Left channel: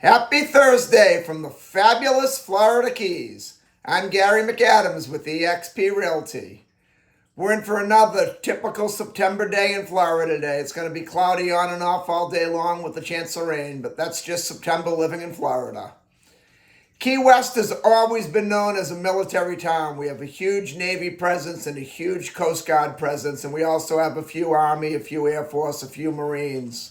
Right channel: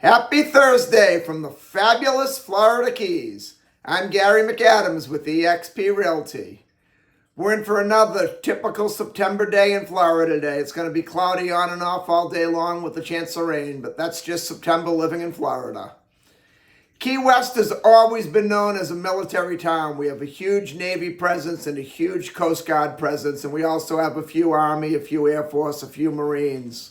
Happy Thursday from the fabulous Florida Keys. I'm Gary McAdams with eXp Realty. We're in for another typical September day in Florida today. It's going to be cloudy on and off all day long with a chance of rain, but that's just September living in Florida. Key West has always been known as a military town. We have a huge Navy presence and a huge Coast Guard presence, and we also have a few Army, a few Air Force, a few Marines.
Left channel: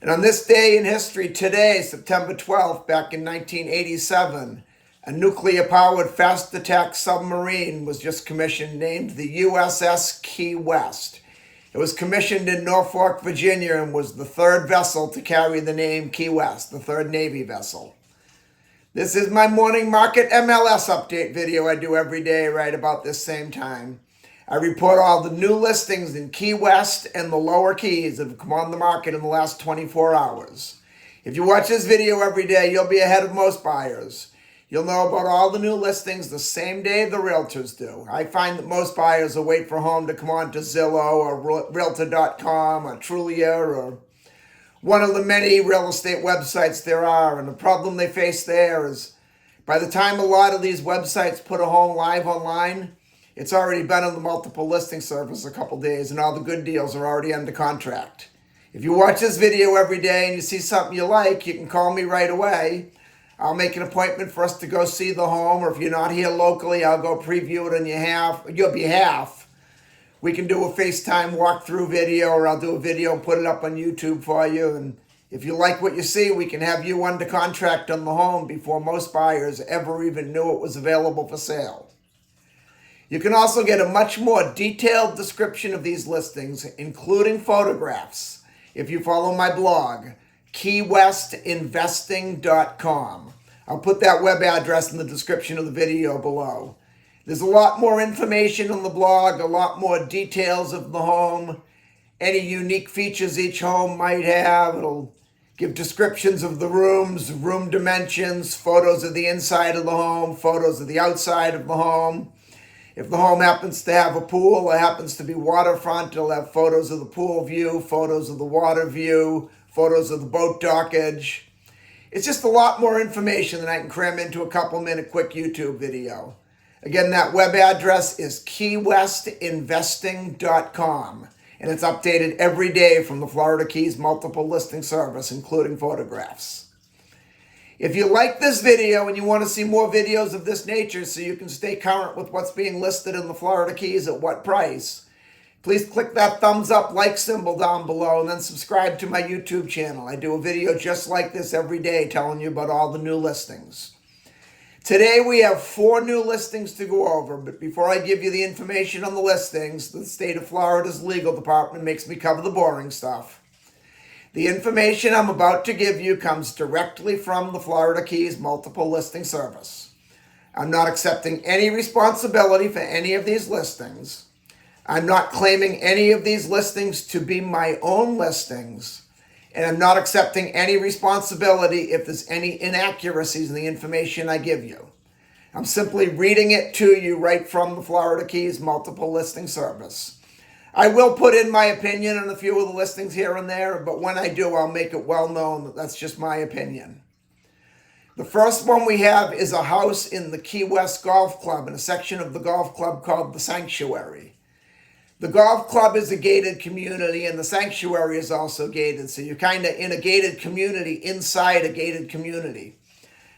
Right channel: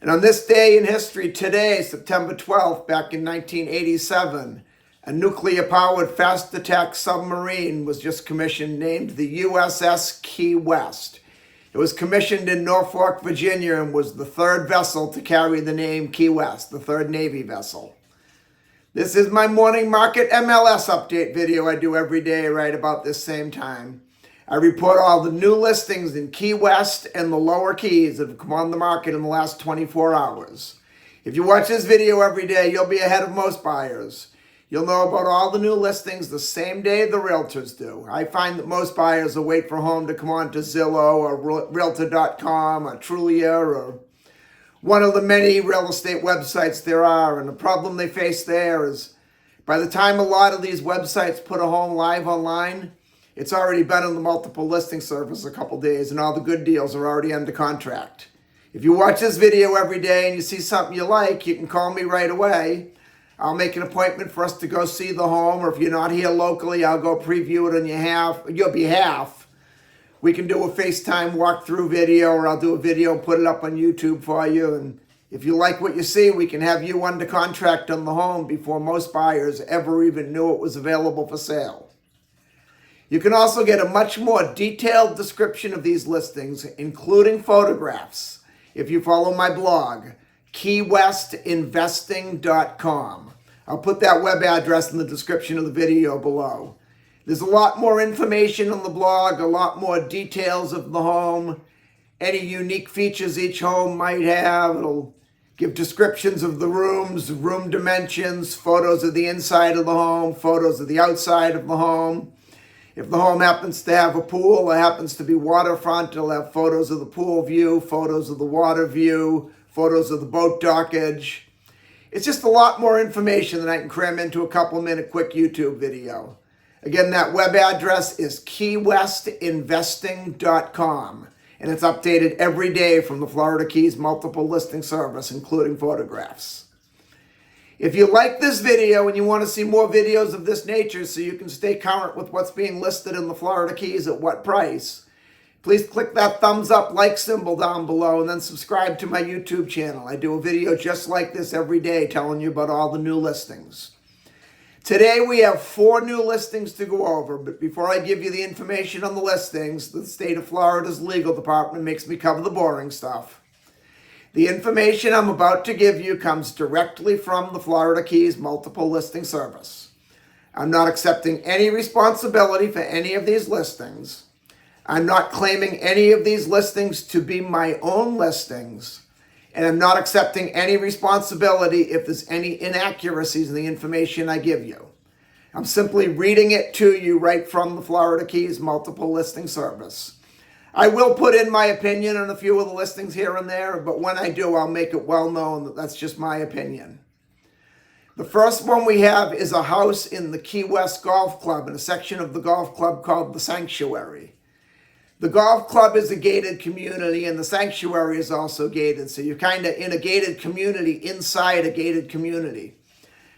And on this day in history today, September 12th, back in 1987, a nuclear-powered fast attack submarine was just commissioned named the USS Key West. It was commissioned in Norfolk, Virginia, and was the third vessel to carry the name Key West, the third Navy vessel. This is my morning market MLS update video I do every day right about this same time. I report all the new listings in Key West and the lower keys that have come on the market in the last 24 hours. If you watch this video every day, you'll be ahead of most buyers. You'll know about all the new listings the same day the realtors do. I find that most buyers will wait for a home to come on to Zillow or Realtor.com or Trulia or one of the many real estate websites there are. And the problem they face there is by the time a lot of these websites put a home live online, it's already been on the multiple listing service a couple days and all the good deals are already under contract. If you watch this video every day and you see something you like, you can call me right away. I'll make an appointment for us to go see the home, or if you're not here locally, I'll go preview it on your behalf. We can do a FaceTime walkthrough video, or I'll do a video and put it up on YouTube for you. And if you like what you see, we can have you under contract on the home before most buyers ever even knew it was available for sale. You can also get a much more detailed description of these listings, including photographs, if you follow my blog, keywestinvesting.com. I'll put that web address in the description of the video below. There's a lot more information on the blog, a lot more details of the home, any unique features each home might have. It'll give descriptions of the rooms, room dimensions, photos of the inside of the home, photos of the outside of the home. If the home happens to have a pool or happens to be waterfront, it'll have photos of the pool view, photos of the water view, photos of the boat dockage. It's just a lot more information than I can cram into a couple-minute quick YouTube video. Again, that web address is keywestinvesting.com, and it's updated every day from the Florida Keys multiple listing service, including photographs. If you like this video and you want to see more videos of this nature so you can stay current with what's being listed in the Florida Keys at what price, please click that thumbs up like symbol down below and then subscribe to my YouTube channel. I do a video just like this every day telling you about all the new listings. Today we have 4 new listings to go over, but before I give you the information on the listings, the state of Florida's legal department makes me cover the boring stuff. The information I'm about to give you comes directly from the Florida Keys multiple listing service. I'm not accepting any responsibility for any of these listings. I'm not claiming any of these listings to be my own listings, and I'm not accepting any responsibility if there's any inaccuracies in the information I give you. I'm simply reading it to you right from the Florida Keys multiple listing service. I will put in my opinion on a few of the listings here and there, but when I do, I'll make it well known that that's just my opinion. The first one we have is a house in the Key West Golf Club, in a section of the golf club called the Sanctuary. The golf club is a gated community, and the sanctuary is also gated, so you're kind of in a gated community inside a gated community.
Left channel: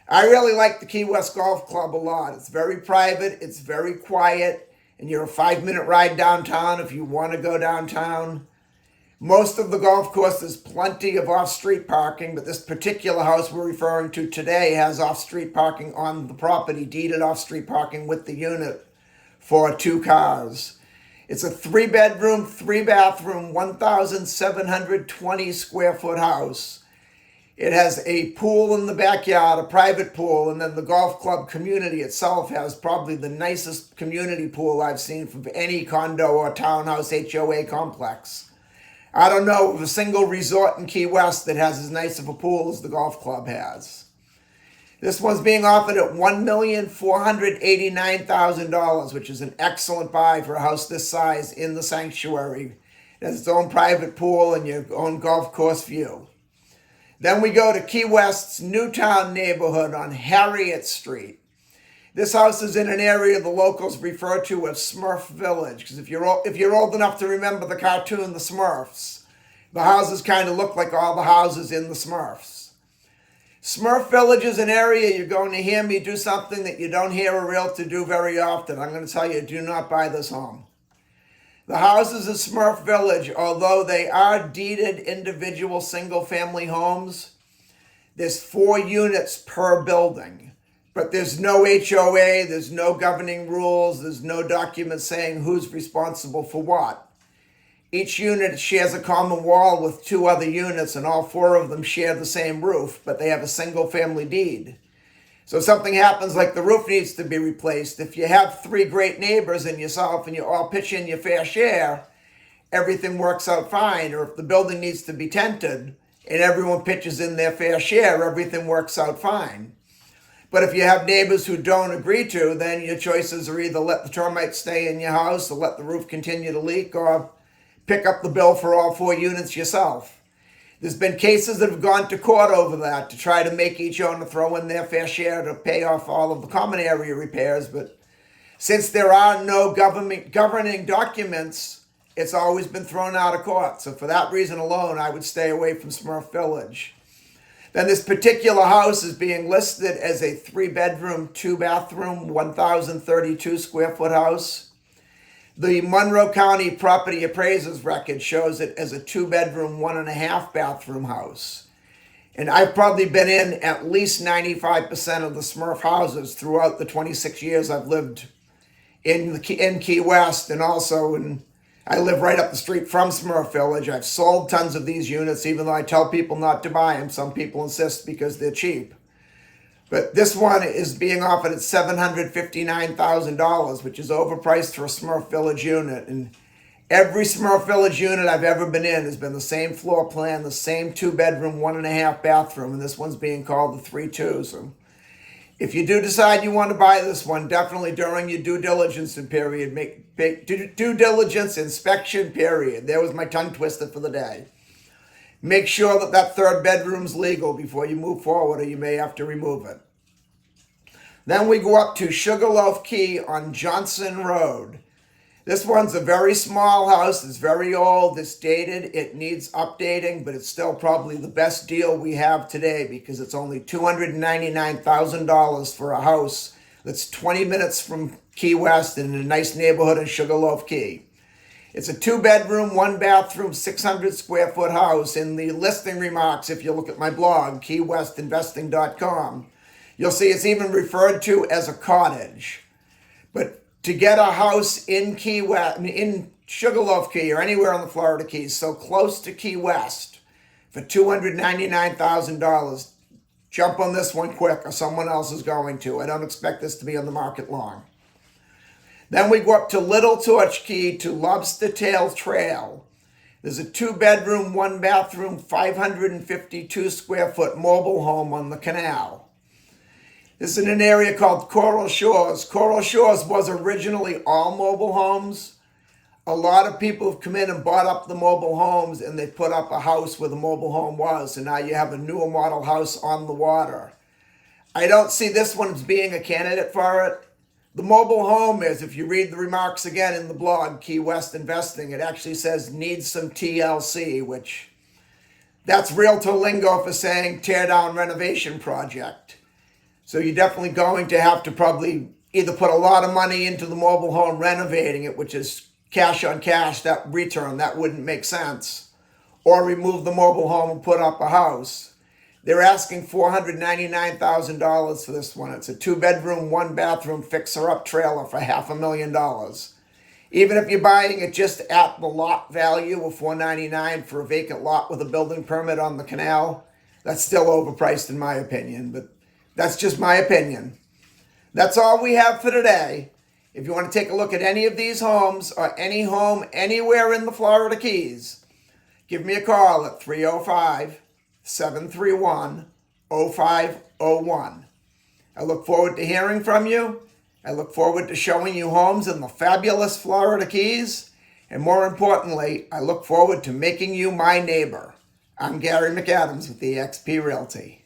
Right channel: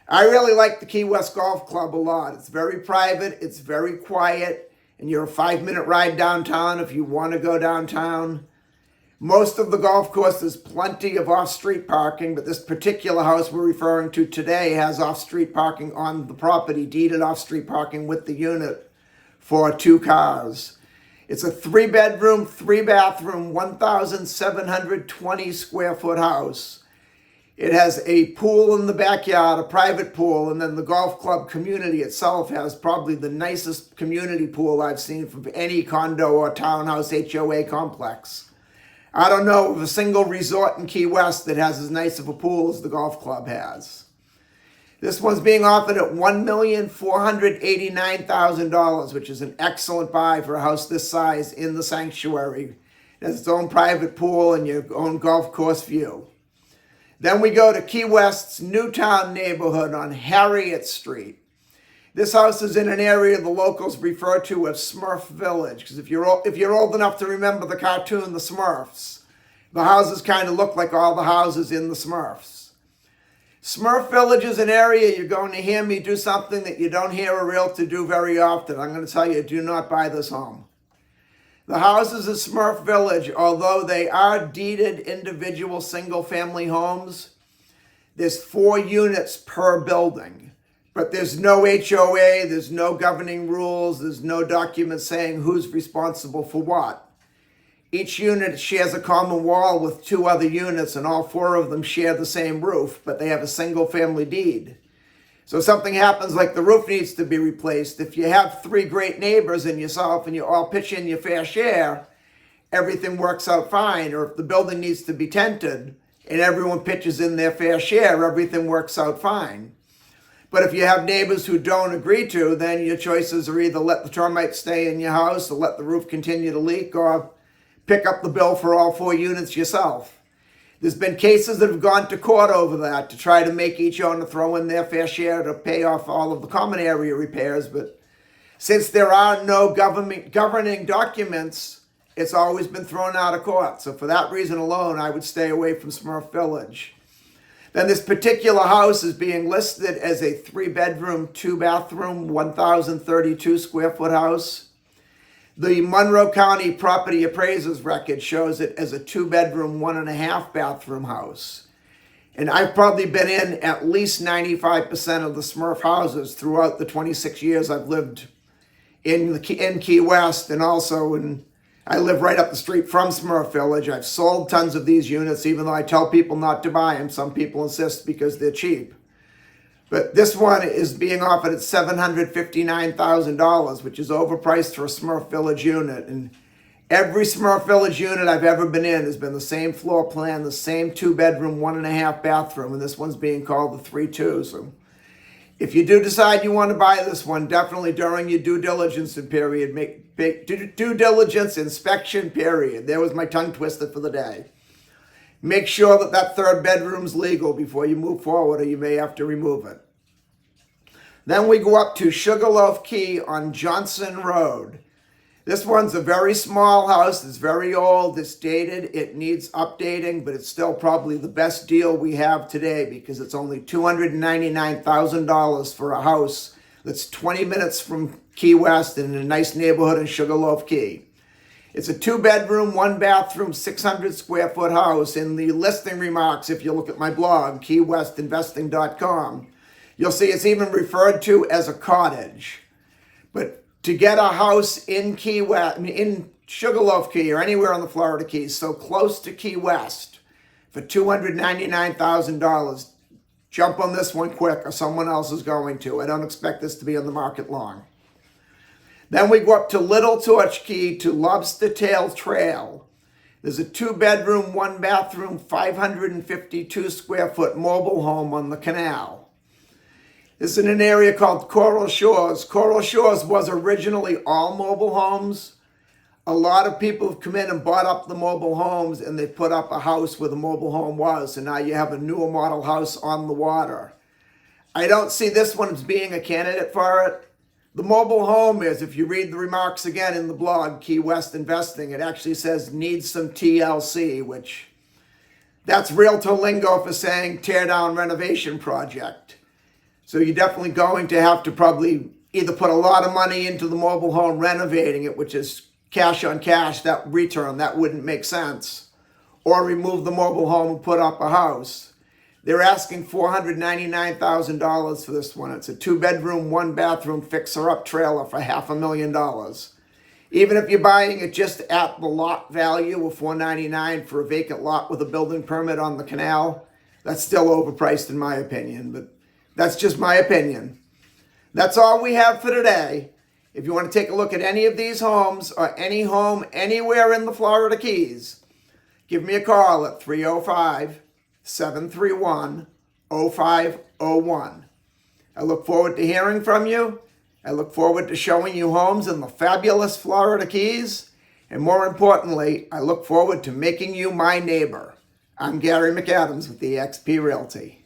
I really like the Key West Golf Club a lot. It's very private, it's very quiet, and you're a 5-minute ride downtown if you want to go downtown. Most of the golf course has plenty of off-street parking, but this particular house we're referring to today has off-street parking on the property, deeded off-street parking with the unit for 2 cars. It's a 3-bedroom, 3-bathroom, 1,720 square foot house. It has a pool in the backyard, a private pool, and then the golf club community itself has probably the nicest community pool I've seen from any condo or townhouse HOA complex. I don't know of a single resort in Key West that has as nice of a pool as the golf club has. This one's being offered at $1,489,000, which is an excellent buy for a house this size in the sanctuary. It has its own private pool and your own golf course view. Then we go to Key West's Newtown neighborhood on Harriet Street. This house is in an area the locals refer to as Smurf Village, because if you're old enough to remember the cartoon The Smurfs, the houses kind of look like all the houses in the Smurfs. Smurf Village is an area you're going to hear me do something that you don't hear a realtor do very often. I'm going to tell you, do not buy this home. The houses in Smurf Village, although they are deeded individual single-family homes, there's 4 units per building. But there's no HOA, there's no governing rules, there's no document saying who's responsible for what. Each unit shares a common wall with 2 other units, and all 4 of them share the same roof, but they have a single family deed. So if something happens like the roof needs to be replaced, if you have 3 great neighbors and yourself and you all pitch in your fair share, everything works out fine. Or if the building needs to be tented and everyone pitches in their fair share, everything works out fine. But if you have neighbors who don't agree to, then your choices are either let the termites stay in your house or let the roof continue to leak or pick up the bill for all 4 units yourself. There's been cases that have gone to court over that to try to make each owner throw in their fair share to pay off all of the common area repairs. But since there are no governing documents, it's always been thrown out of court. So for that reason alone, I would stay away from Smurf Village. Then this particular house is being listed as a 3-bedroom, 2-bathroom, 1,032 square foot house. The Monroe County Property Appraiser's record shows it as a 2-bedroom, 1.5-bathroom house. And I've probably been in at least 95% of the Smurf houses throughout the 26 years I've lived in Key West, and also I live right up the street from Smurf Village. I've sold tons of these units, even though I tell people not to buy them. Some people insist because they're cheap. But this one is being offered at $759,000, which is overpriced for a Smurf Village unit. And every Smurf Village unit I've ever been in has been the same floor plan, the same 2-bedroom, 1.5-bathroom, and this one's being called the 3-2. So if you do decide you want to buy this one, definitely during your due diligence period, due diligence inspection period. There was my tongue twister for the day. Make sure that 3rd bedroom's legal before you move forward, or you may have to remove it. Then we go up to Sugarloaf Key on Johnson Road. This one's a very small house. It's very old. It's dated. It needs updating, but it's still probably the best deal we have today because it's only $299,000 for a house that's 20 minutes from Key West and in a nice neighborhood in Sugarloaf Key. It's a 2-bedroom, 1-bathroom, 600 square foot house. In the listing remarks, if you look at my blog, keywestinvesting.com, you'll see it's even referred to as a cottage. But to get a house in Key West, in Sugarloaf Key or anywhere on the Florida Keys, so close to Key West, for $299,000, jump on this one quick or someone else is going to. I don't expect this to be on the market long. Then we go up to Little Torch Key to Lobster Tail Trail. There's a 2-bedroom, 1-bathroom, 552 square foot mobile home on the canal. This is in an area called Coral Shores. Coral Shores was originally all mobile homes. A lot of people have come in and bought up the mobile homes, and they put up a house where the mobile home was. And now you have a newer model house on the water. I don't see this one as being a candidate for it. The mobile home is, if you read the remarks again in the blog, Key West Investing, it actually says needs some TLC, which that's realtor lingo for saying tear down renovation project. So you're definitely going to have to probably either put a lot of money into the mobile home renovating it, which is cash on cash, that return, that wouldn't make sense, or remove the mobile home and put up a house. They're asking $499,000 for this one. It's a 2-bedroom, 1-bathroom fixer-up trailer for $500,000. Even if you're buying it just at the lot value of $499,000 for a vacant lot with a building permit on the canal, that's still overpriced in my opinion, but that's just my opinion. That's all we have for today. If you want to take a look at any of these homes or any home anywhere in the Florida Keys, give me a call at 305-731-0501. I look forward to hearing from you. I look forward to showing you homes in the fabulous Florida Keys. And more importantly, I look forward to making you my neighbor. I'm Gary McAdams with eXp Realty.